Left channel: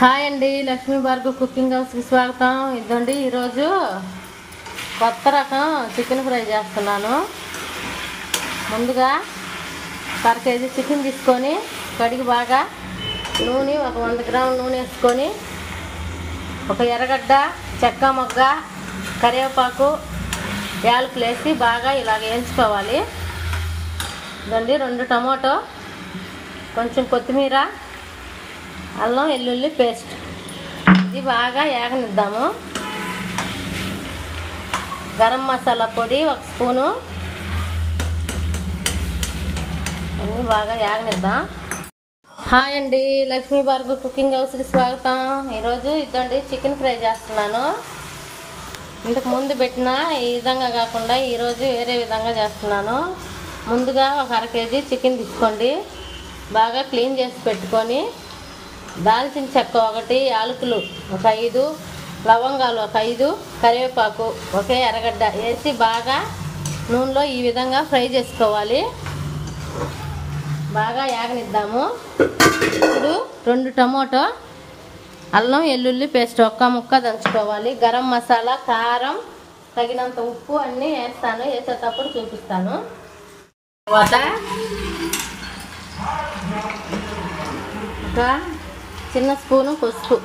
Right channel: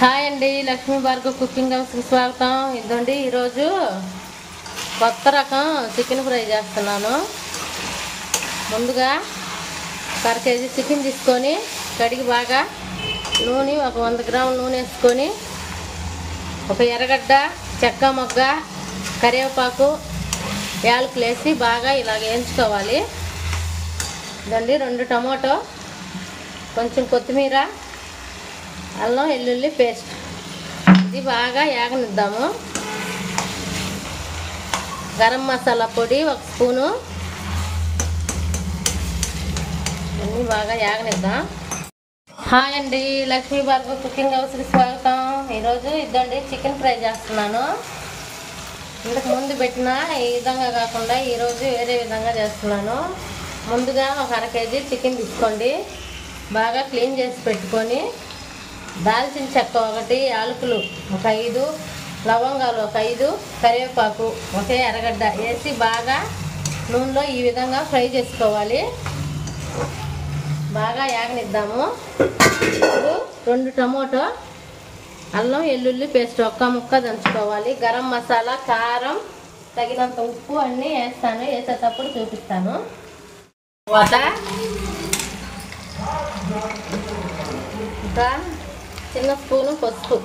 Hi అండి, Lakshmi Bhargav cooking హౌస్కి స్వాగతం. ఇదండి ఈరోజు కొత్త రకం చికెన్ ఫ్రై చేస్తున్నాను. ముందుగా 1 కేజీ చికెన్ తీసుకొని కడిగి బాగా నూనె ఒక 100 గ్రాముల నూనె వేసుకొని ఒక ఎర్రగడ్డ, చెక్క మొగ్గ, కరివేపాకు, యాలకులు వేసి బాగా ఇలాగ వేయించుకోవాలి. ఇదండి 2 టమాటో, కొంచెం కొత్తిమీర, అల్లం వెల్లుల్లి పేస్ట్, ఇది బాగా యాగనిద్దాము. గరం మసాలా పొడి 1 స్పూను, అన్నీ బాగా యాగనిద్దాం. హాయ్ అండి, లక్ష్మీ భార్గవ్ కుకింగ్ హౌస్కి స్వాగతం. ఈరోజు ఇదండి చికెన్ ఫ్రై చేస్తున్నాను. ఇంతకు ముందు పెట్టిన ఈ విధంగా కాకుండా ఈరోజు వేరే విధంగా చేస్తున్నాను. ముందుగా ఒక 1/2 కేజీ చికెన్ తీసుకోండి, బాగా క్లీన్ చేసి పెట్టుకొని దాల్చిన చెక్క 1, యాలకులు ఒక 5, లవంగాలు ఒక 5, కరివేపాకు ఒక ఎర్రగడ్డ వేసి బాగా నూనెలో ఈ విధంగా ఫ్రై చేసుకోవాలి. బాగా యాగనిద్దాము. ఇప్పుడు 2 టమాటో, అల్లం వెల్లుల్లి పేస్ట్ 1 ముక్క దంచుకోవాలి. గరం మసాలా, కారం, తగినంత ఉప్పు అన్నీ వేస్తాను, వేసేటప్పుడు చూపిస్తాను. తర్వాత ఒక చిన్న స్పూను పసుపు,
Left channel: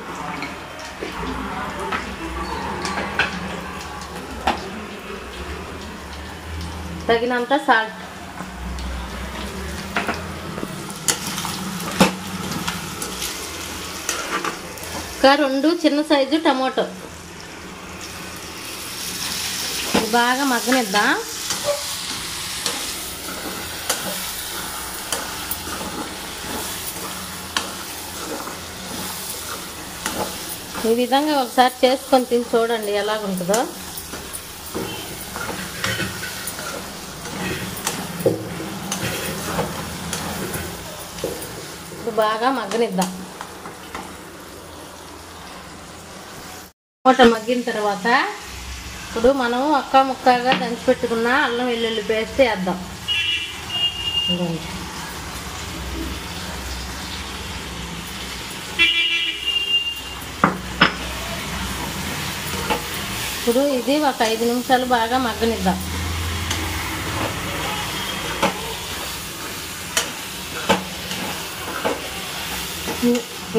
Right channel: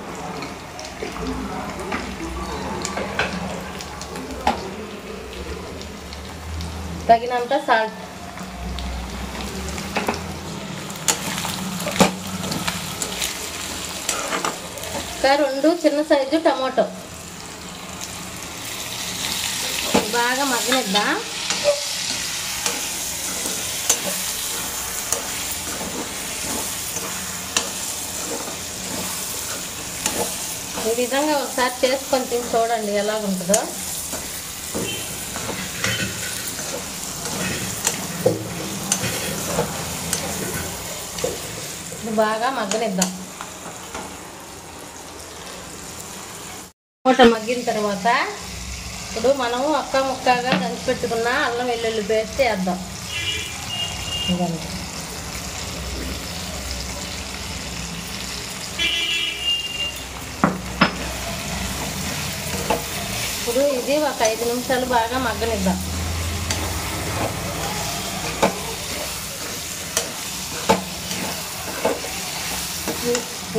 తగినంత సాల్ట్, ఒక 2 చిన్న సైజు టమాటో బాగా మగ్గనిద్దాం. ఈ విధంగా ఒకసారి చేసుకొని తిని చూడండి ఎలాగుంటుందో. ఇప్పుడు బాగా మగ్గనిద్దాం. టమాటా మగ్గిన తర్వాత ఇప్పుడు మనం 1 ముక్కగా దంచి పెట్టుకున్న అల్లం వెల్లుల్లి పేస్ట్ వేద్దాం. ఇదండి ఇప్పుడు ఇది ఒక 5 నిమిషాలు బాగా మగ్గనిద్దాం.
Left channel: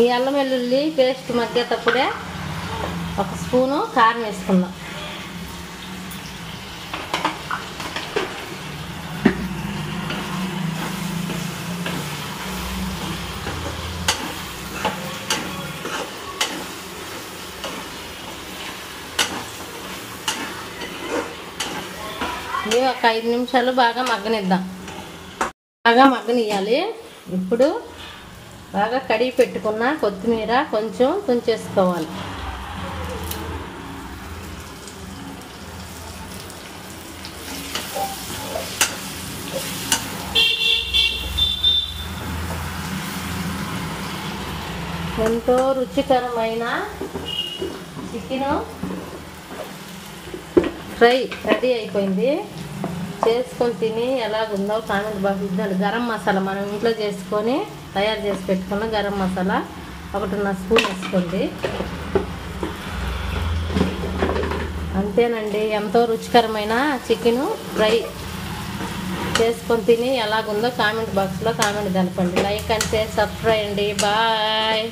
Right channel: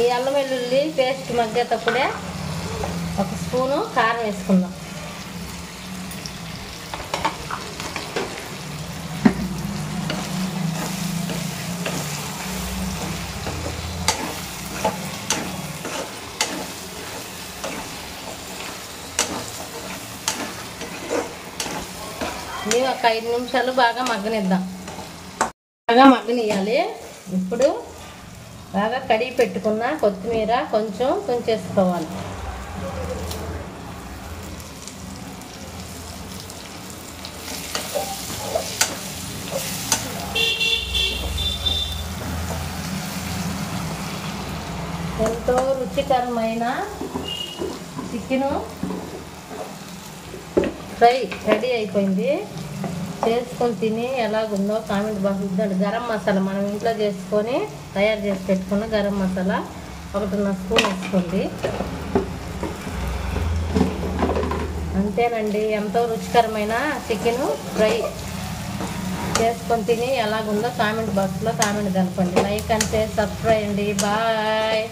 ఈ అల్లం వెల్లుల్లి పేస్ట్ మగ్గేటప్పుడే 1 స్పూను కారం వేసుకుందాం. ఇది ఒక 5 నిమిషాలు బాగా మగ్గనిద్దాం. బాగా మగ్గనియాలి. ఇప్పుడు బాగా కడిగి పెట్టుకున్న కొత్తిమీర కొంచెం తుంచేసుకోవాలి. ఎంతో రుచికరమైన చికెను ఫ్రై రెడీ అయిపోయింది. చేసుకొని తిని ఎలాగుందో కామెంట్ బాక్స్. గరం మసాలా మనం ఇంట్లో చేసుకొని తయారు చేసి పెట్టుకున్న గరం మసాలా 1.5 స్పూన్ వేసుకోండి. అంతేనండి, ఎంతో రుచికరమైన చికెను ఫ్రై. చేసుకొని తిని ఎలాగుందో కామెంట్ బాక్స్లో కామెంట్ తెలపండి. లైక్ అండ్ షేర్, సబ్స్క్రైబ్ అండి. బాయ్.